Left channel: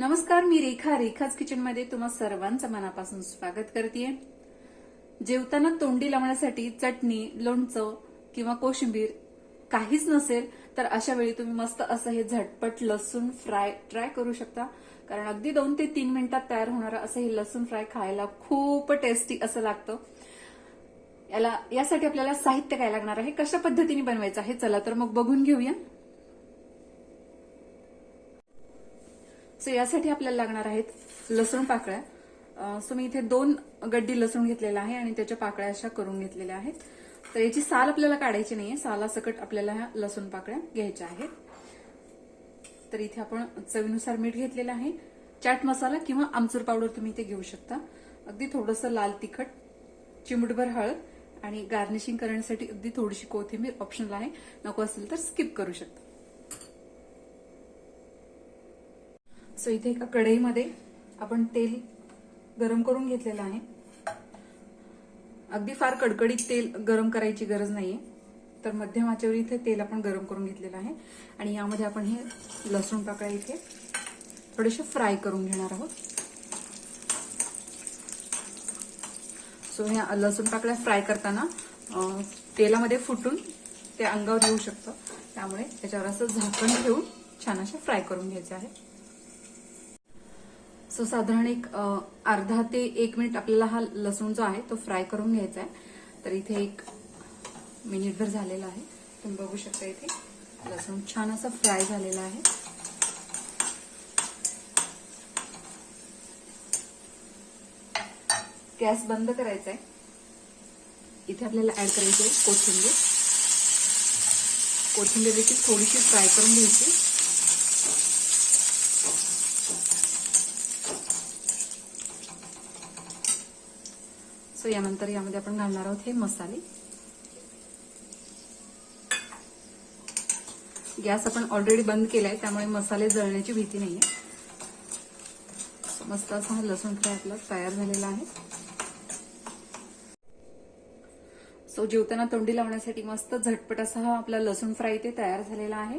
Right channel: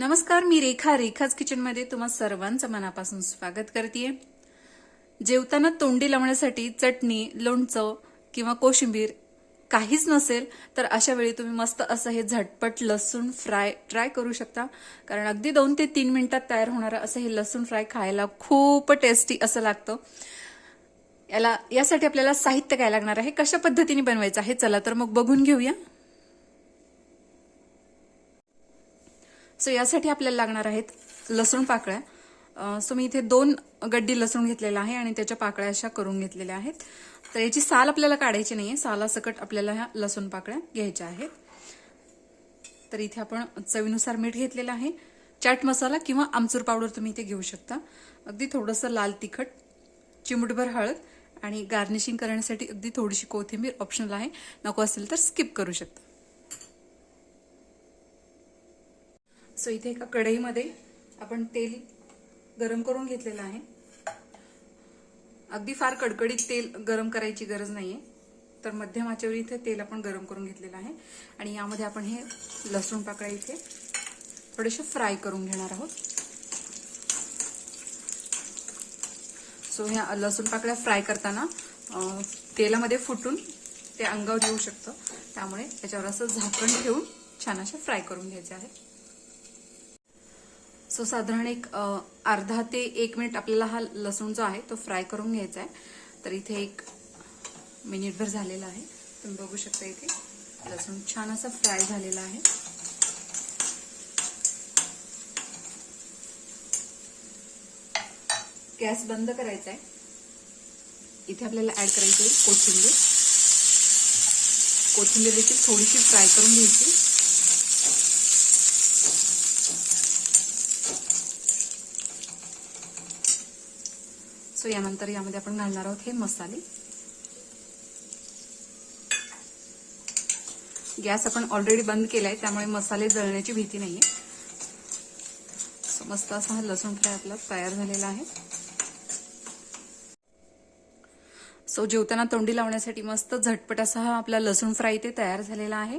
नमस्कार मी रेखा. रेखाच किचनमध्ये तुम्हा सर्वांचं मनापासून स्वागत करते जेवताना तोंडी लावण्यासाठी चटणी लोणचं किंवा कोशिंबीर काहीच नसेल तर अशा वेळी तुम्ही मस्त असं हे झटपट लसूण फ्राय ट्राय करू शकता. कारण अगदी दोन ते तीन मिनिटात तयार होणारं असं हे लसूण फ्राय खायला खूप टेस्टी असं लागतं. याला यासाठी आपल्याला साहित्य काय लागणार आहे? कशा पद्धतीने बनवायचं आहे? चला तर मग बघून घेऊया. सो यासाठी आपल्याला लागणार आहेत लसूण पाकळ्या. सो मी इथे दोन गड्डी लसूण घेतलेला आहे आणि त्याच्या पाकळ्या अशा करून घेतलेल्या आहेत. तर याची साल आपल्याला काढायची नाही आहे सालासकट आपल्याला ह्या लसूण पाकळ्या घ्यायच्या आहेत. तर इथे आपण चवीनुसार मीठ घेतलेलं आहे. चाट मसाला किंवा आमचूर पावडर तुम्ही इथे घेऊ शकता. अगदी थोडंसं लाल तिखट चिमूटभर हळद आणि गार्निशिंग करण्यासाठी अगदी थोडीशी कोथिंबीर ऑप्शनल आहे. नको असेल तर स्किप करू शकता. सो इथे एका कढईमध्ये आपण तेल गरम करून घेतलेलं आहे. अगदी फार कडकडीत तेल गरम करायची गरज नाहीये. तर मध्यम आचेवर इथे तेल आपण गरम करून घेतलेलं आहे. आणि यामध्ये आपण हे लसूण पाकळ्या इथे थोडेसे फ्राय करून घेणार आहोत. सो ह्या लसूण पाकळ्या फ्राय करताना तेलामध्ये फुटून ते अंगावर येऊ शकतं. त्यामुळे त्याच्यावर असं झाकण ठेवून छान अशा फ्राय करून घ्यायचं आहे. सो साधारण एक अर्धा ते एक मिनिट आपल्याला हा लसूण जो आहे तो फ्राय करून घ्यायचा आहे. तर इथे एक मिनिटभर झालेला आहे. तुम्ही बघू शकता इथे लसूण छान असा फ्राय झालेला आहे. गॅस बंद करायचा आहे. इथे आपल्याला ऍड करायची आहे कोथिंबीर. कोथिंबीर देखील थोडीशी फ्राय करून घ्यायची. सो यानंतर यामध्ये आपण घालणार आहोत हे मसाले. गॅस आपण ऑलरेडी बंद केलाय त्यामुळे मसाले जळण्याची भीती नाहीये. मस्त असा हा लसूण फ्राय आपला तयार झालेला आहे. सो जेवताना तोंडी लावण्यासाठी मस्त झटपट असा हा आपला लसूण फ्राय इथे तयार झालेला आहे.